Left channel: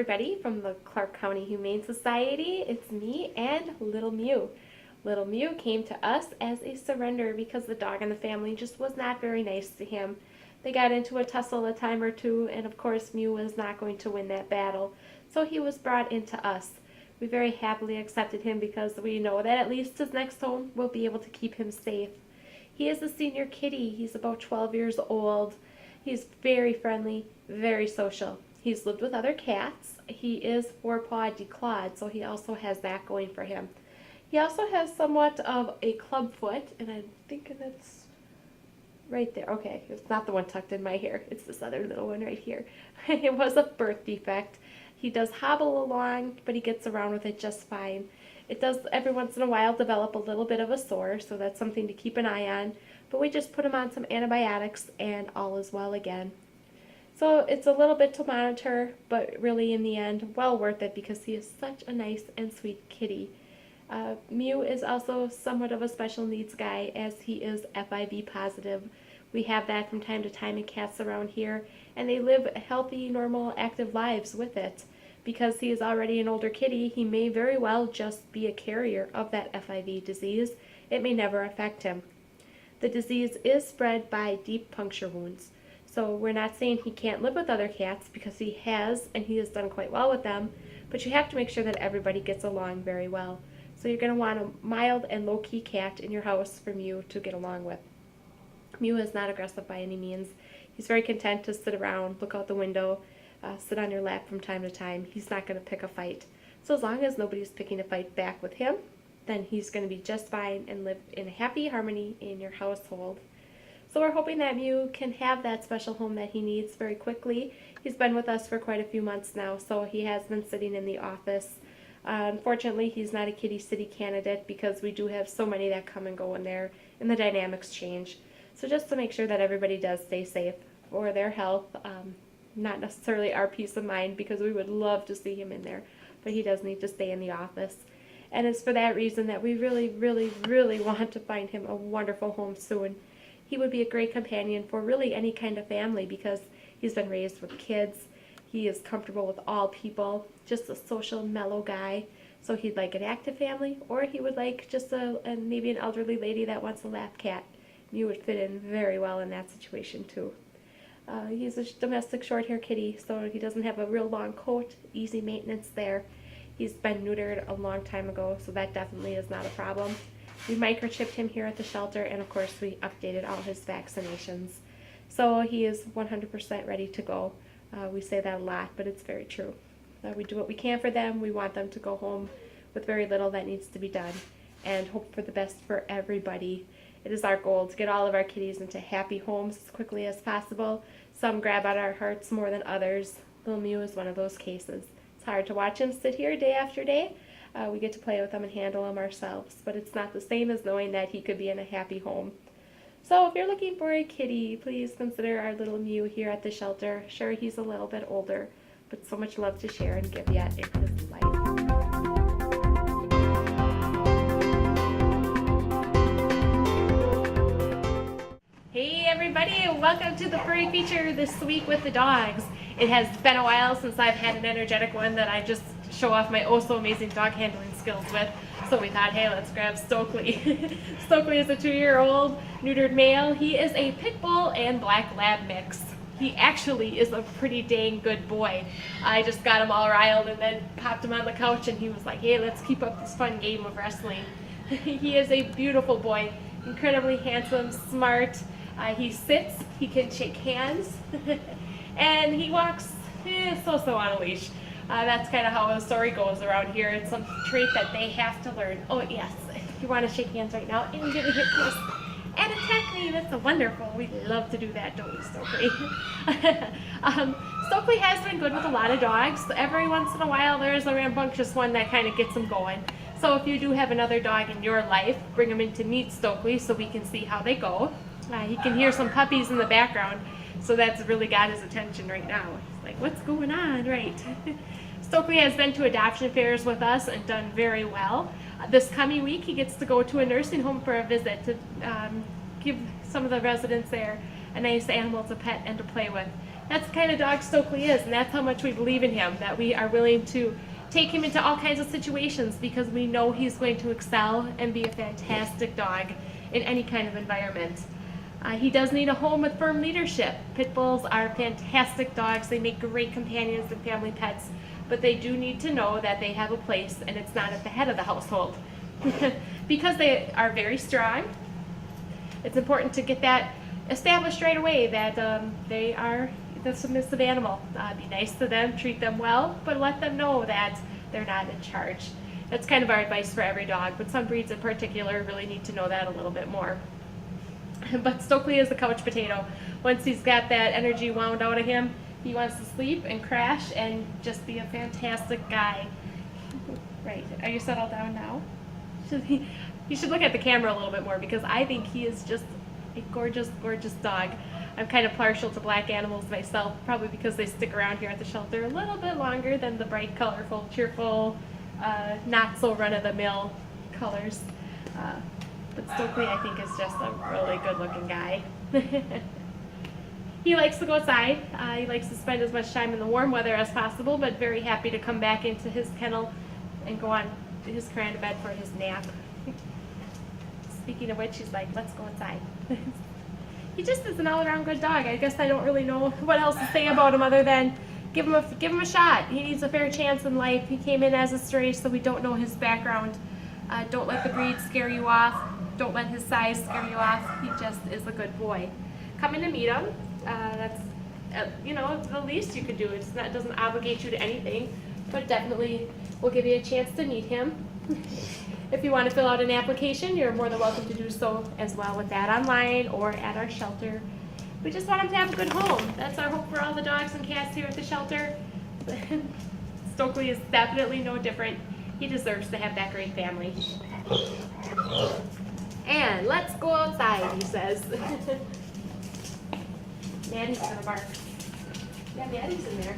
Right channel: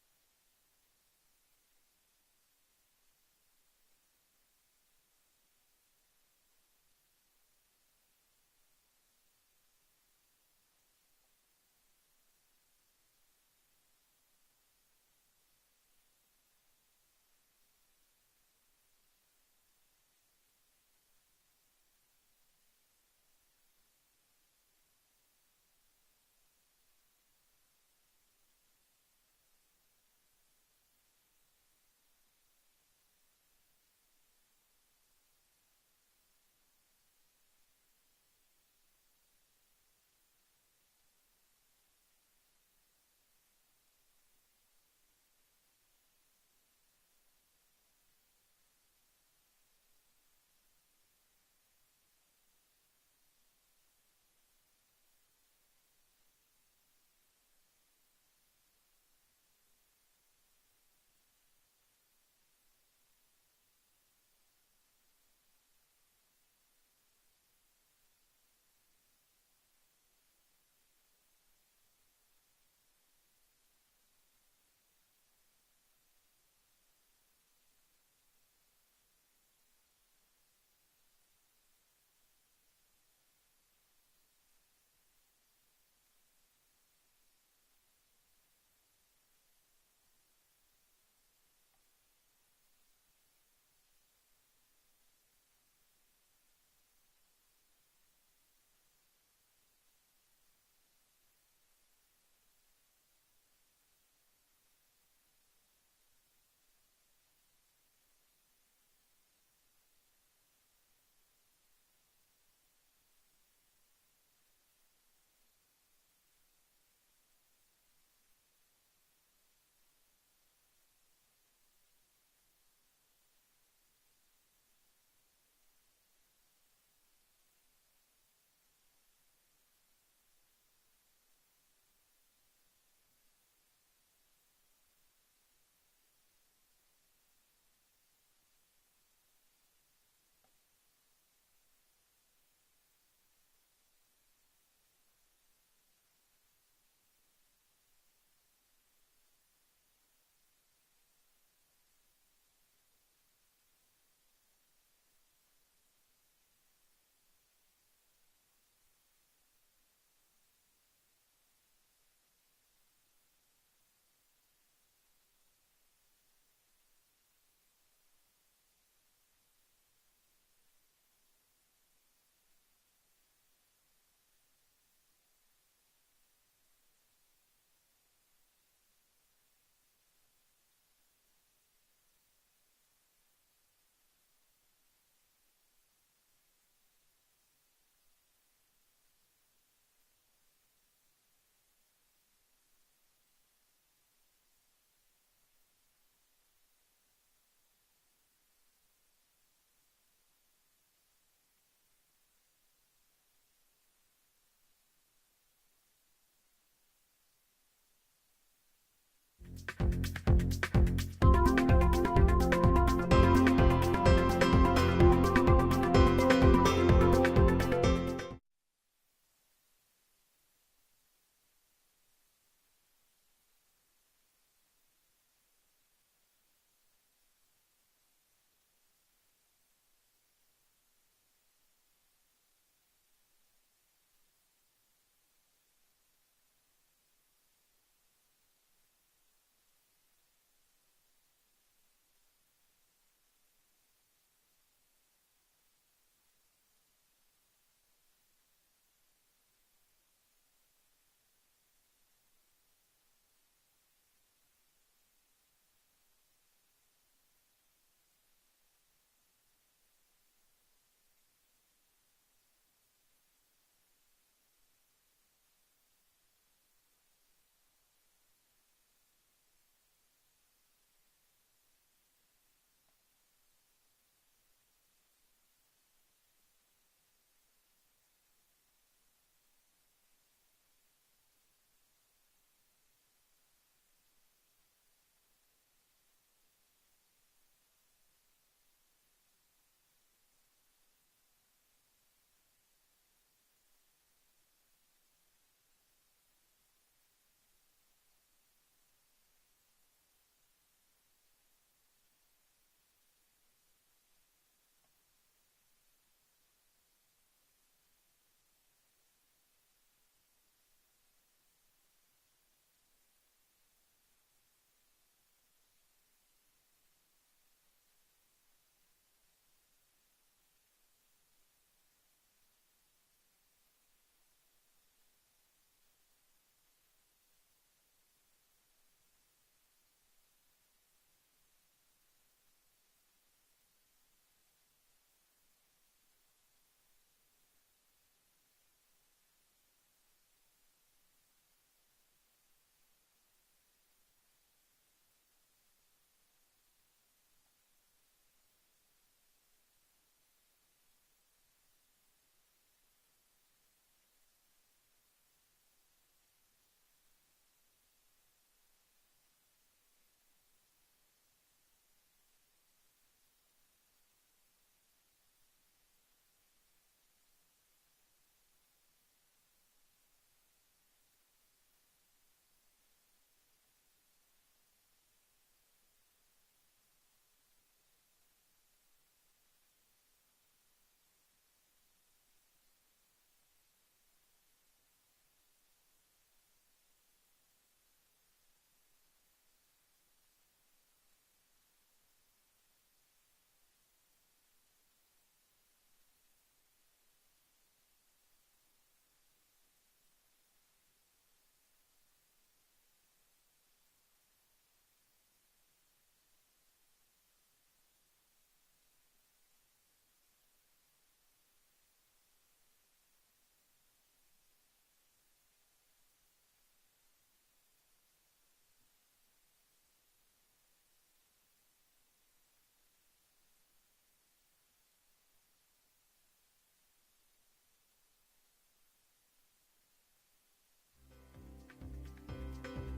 everybody from the Clark County Humane Society. It's me and Little Mew. Little Mew came to us as a surrender because the dog in the family just was not very nice to him. They got into a tussle a time or two, and of course Mew was not going to win that battle, so he was brought into us. We very happily accepted him because we know that at least his next home will be able to keep him safe. He is a senior kitty. He's about 12 years old. He's very friendly, very social. He's lived with other cats. He is four-paw declawed, so he also has that going for him. He also has somewhat of a club foot, and I'm thinking that's right there. Okay, it's not the one tucked in my hair. It's this other little one right here. It was a birth defect. He does hobble along, but he gets around with it just fine. It does every once in a while develop a little bit of a sore, so that's something to keep an eye on. But we just put him on some antibiotics, and all is well again. So it's a little bit to monitor, but really in the end, well worth it because he is such a nice and sweet kitty. Mew is also somewhat of a special needs guy as he is FIV positive. We have that from time to time in cats around here, and they live healthy, normal, active lives with it. Because he is already an older kitty, he may very well just be a carrier of that FIV disease. It may never affect him. The disease is spread by deep puncture wounds. So we're not saying he can't live with other cats because he has, and he has done quite well with them, but you have to make sure that everybody gets along very well. So you're going to want a mild and low-key cat in your house for Mew to get along with. Mew is not aggressive by any means. He's very content to sit around, look out the window, sit on your lap from time to time. He's not going to pick a fight. So as long as nobody's picking a fight back with him, then he's going to be just fine and live in happy harmony in your household. So we're hoping that Mew can have that special home that he needs very quickly. He's been with us for quite a few months now, so he has been sitting in the office. Unfortunately, he's not a kitty city candidate because we do have so many that come and go in there, and the dynamics change. So just to make sure that everybody does stay safe for their health, not necessarily our peace of mind because we would love to see him in there, but he does need to stay in the office. And it's for that reason that we really, really, really want to find him a wonderful home soon. He would be a great companion for really any kind of family because he's been raised with kids. He is comfortable with all people, just a social, mellow guy. So he'd like an active family, or he would like just maybe an elderly lady that wants a lap cat. You would fit in very well in that situation too. He's a domestic short-hair kitty, so he doesn't have a real long coat, easy maintenance there. He's been neutered a long time ago, so that definitely is not a problem. We microchipped him here at the shelter, and of course we updated all his vaccinations. So he is 100% ready to go. We say that a lot, but it's very true. We do what we can for them. We want them to go home with very little that needs to be done and hope for the best for everybody. It is our goal to get all of our kitties into happy homes as quickly as possible. Some grab at our hearts more than others. Little Mew is one of those cases. It's hard to watch him sit here day after day. We get to play with them and handle them ourselves, but it's not the same as knowing that he could be in a happy home. So if you're looking for a kitty, please consider our Little Mew here at the shelter. Sure, he's a little bit older, but so much love to share and give yet in his life. Hey everybody, welcome to the Furry feature this week with the dogs. It has been a while since I've had an energetic one that I just show off my oh so amazing dog handling skills with. So we thought, hey, let's grab Stokely. Stokely is a 2-year-old neutered male. He is a pit bull and black lab mix. He actually is a pretty dang good boy. I just got him all riled and then popped him on the couch and he was like, hey, let's keep up this fun game of wrestling. He is a beautiful boy, incredibly handsome, smart. He sits, he can shake hands, and he walks so-so on a leash. That's kind of how the story goes around here. It's some trait that they have to learn. Oh yes, if you want to shake hands right now and give a hip kiss and attack me, that's wonderful. We love to do that, don't we, Stokely? Stokely has been good with a lot of dogs. Every once in a while there's a rambunctious one that kind of gets him going. So if you do have another dog in your life, bring him in to meet Stokely so we can see how they go. He can hear some puppies in the background, so that's really got his attention right now. He's like, what's going on, right? Stokely has been to adoption fairs with us and done very well. This coming week he gets to go to a nursing home for a visit to give some of the residents there a nice animal to pet and to play with. That's the kind of dog Stokely is, and that's how much we believe in him, that we are willing to take him into all kinds of situations because we know he's going to excel and be a fantastic dog in any kind of environment. He does need a home with firm leadership. Pit bulls are fantastic dogs. They make great companions and family pets, but they do need to know that they have a place and it's not at the head of the household. Because they are very strong, it's important to get that established right away, that they are the submissive animal. Be nice to them, treat them well, but let them know that they're not in charge. That's kind of our advice for every dog, but some breeds in particular really need to know that a little bit more. But Stokely is a couch potato. Once he's got that energy wound out of him, he wants to sleep and crash and just be a fantastic guy. Right, are you settled down now? You should look at the camera a little bit more because I think he is just a gorgeous, gorgeous dog. I'm kind of partial to black animals myself, probably because they stick around here at the shelter a little bit longer than the bright, colorful, cheerful, not so run-of-the-mill colors. But Stokely, I think, is just a really good-looking guy. He likes to go outside. He likes to spend as much time in the warm weather as possible, but very happy to come back into his kennel and go on his crayon to bed for his nap. Speaking of which, he's like, let's go outside. He just is an all-around good dog. I guess I don't really know what else to say about him other than give him a shot. He needs a fair chance in life. He came in as a stray, so we don't know his background. Don't let the breed scare you off. Don't let his size scare you off. He just is a good boy. Come in to meet him. That's the least you could do. It doesn't obligate you to anything, but definitely will give you a chance to meet him. If you want to fill out an application, you're more than welcome to do so as well with that online or at our shelter. We just want him to have a good home. That's our hope for all the dogs and cats here at the shelter. Stokely is definitely no different. He deserves to have that great family. And let's go outside, he says. Maddie's gonna bark. Yeah, Maddie's in there.